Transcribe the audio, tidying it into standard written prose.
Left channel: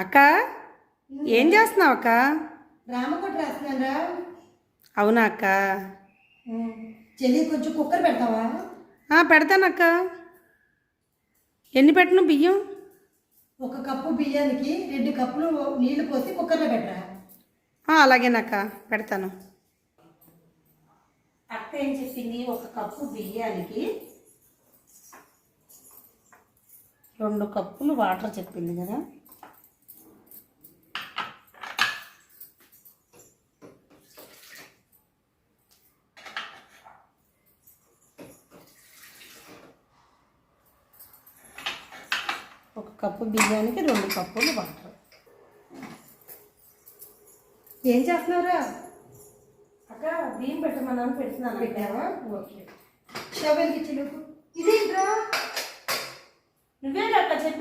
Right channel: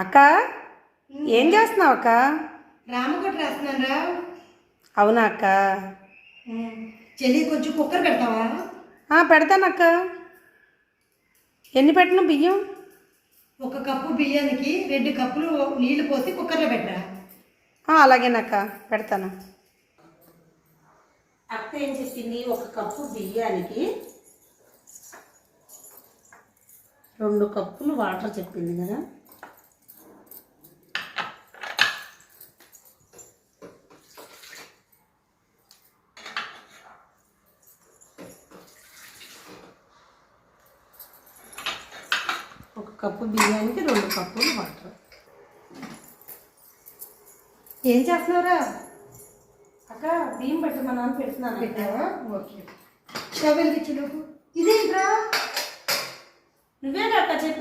అక్క ఏం చేస్తున్నావు అక్క? రామకోట రాస్తున్నాను రా. అవునా అక్క? చెల్లి కొంచెం కుక్కర్ పెడతావా? పెడతానక్క. ఎన్ని పెట్టను బియ్యం? 1 కప్పు బియ్యానికి 2 కప్పులు నీళ్లు పోసి కుక్కర్లో పెట్టరా. అలాగేనక్క, పెడతాను. అక్క ఏం చెప్పింది? 1 కప్పు బియ్యానికి 2 కప్పులు వాటర్ చెప్పింది కదా. ఒక కప్పు బియ్యానికి 2 కప్పులు వాటర్. ఏం చేస్తున్నావురా? అక్క బియ్యం పెట్టమన్నాను, పెడుతున్నాను. పెట్టావా? ఓకే. స్టవ్ వెలిగించు. ఇదేంట్రా? నువ్వే అక్క చెప్పి